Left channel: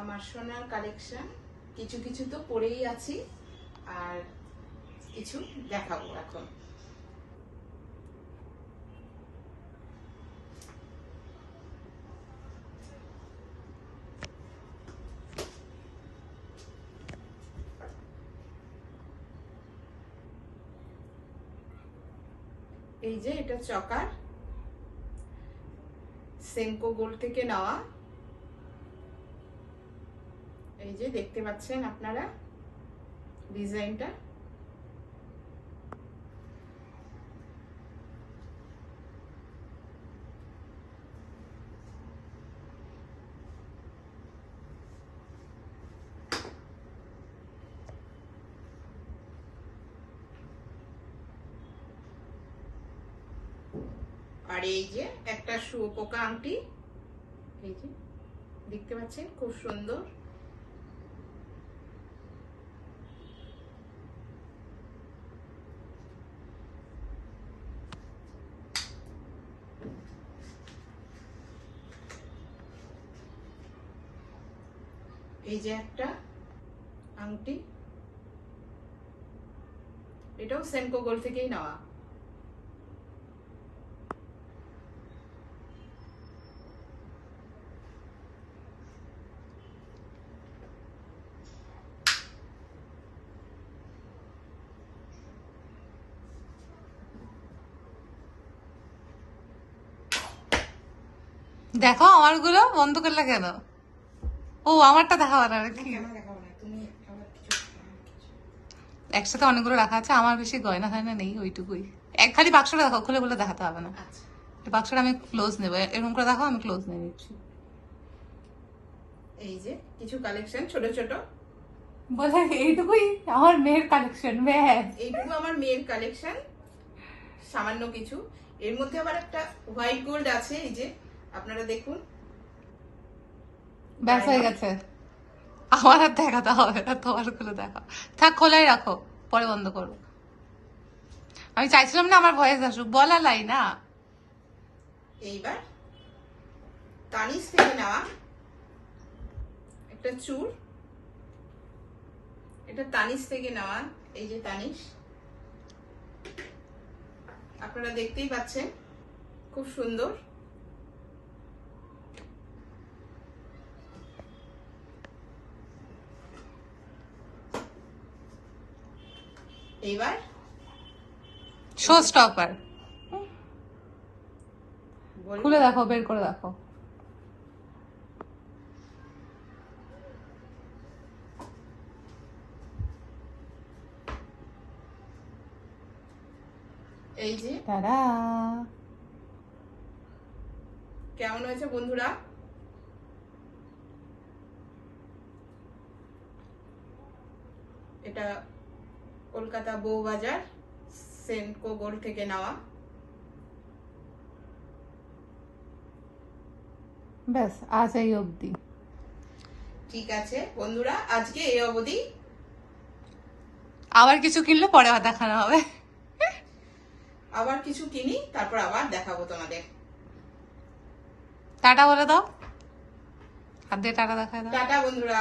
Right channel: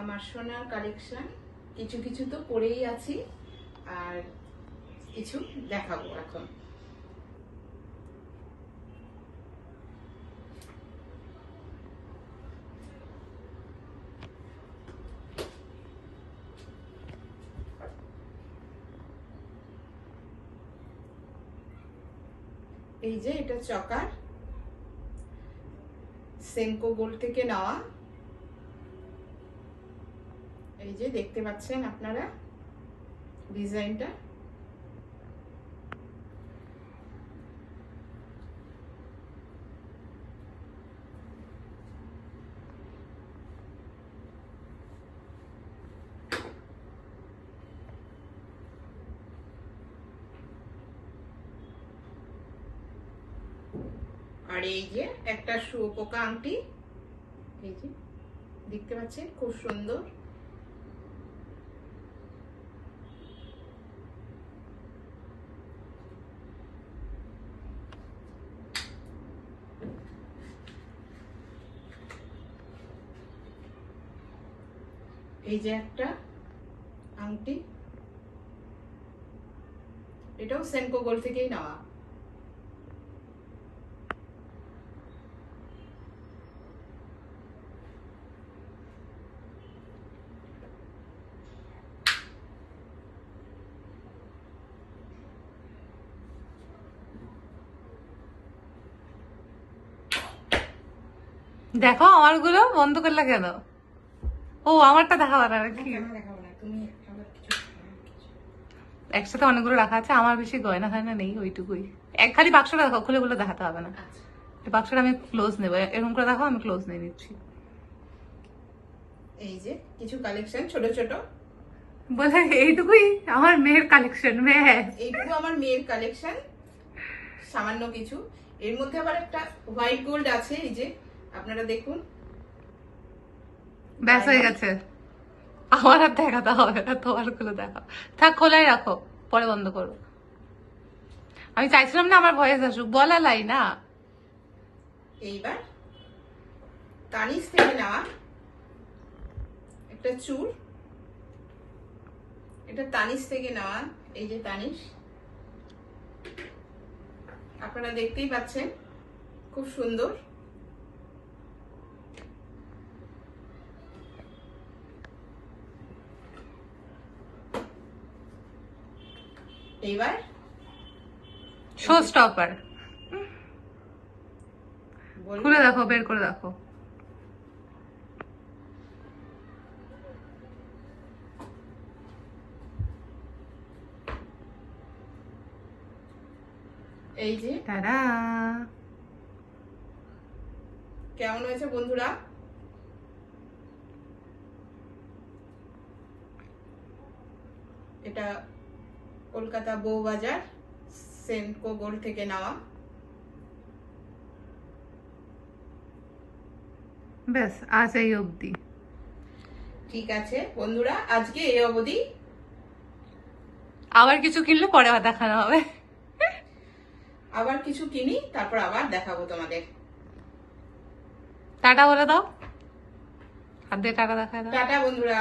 আমার সোনার কালেকশন কিছু কিছু তো পরেই আছি, আর কিছু দেখাবো এখন। এই যে এটা চকার, সেনকো গোল্ড থেকে নেওয়া। এই যে দেখতে পাচ্ছেন আপনারা ডিজাইনটা। আর এই যে একটা শুয়োপোকা আংটি, এই যে দেখতে পাচ্ছেন খুব সুন্দর। এই যে একটা আংটি, এটাও সেনকো গোল্ড থেকেই নেওয়া। দেখো আমারগুলো বন্ধ করলে কেন? ও আমারটা দেখাবো না? তুমি একসাথে অনেকগুলো রাখা আছে, আমার বেশি গয়না হয় না, নেই ওইটুকুই। এক খালি বাক্সটা দেখো, খুলে খুলে দেখাতে হবে না। বাক্সটা আমি ক্লোজ নেবো, এরকম করে দেখো, আমি ক্লোজ নিয়ে নিচ্ছি। এই যে কিছু কালেকশন ছোট ছোট, বলে এইটুকুই আমার মেয়ের কালেকশন। এইটুকু আমার মেয়ের কালেকশন, সামান্য কিছু। এর মধ্যে আবার একটা হোয়াইট গোল্ড আছে, এই যে আপনারা দেখুন। ব্যাস হয়ে গেছে, আমার আর দেখাতে হবে না, তোমার গুলো দেখা থাক, খোলাই রাখো, পরে বন্ধ করো। আমি চাইছিলাম না আমার ভয়েস আসুক, বলা লাই না। এইবার তানিশ থেকে নেওয়া একটা চুর, এটা তানিশ থেকে নেওয়া। এই যে তানিশ, আপনারা দেখতেই পাচ্ছেন খুব সুন্দর। এইবার শো স্টপার খুলে দেখো, বের করে দেখো। এই যে টাটা, কেমন হয়েছে বন্ধুরা? এটা কলকাতা বউবাজার সেনকো গোল্ড থেকে নেওয়া। ব্যাস আজ এই অবধি। ঠিক আছে বন্ধুরা, আজকে এই অবধি। আবার কিছু কিনলে পরে দেখানো হবে। আবার কিছু কিনি, তারপর আবার দেখাবো তোমাদের। টাটা বলে দাও, হাত দিয়ে টাটা দেখায় দাও। টাটা বন্ধুরা।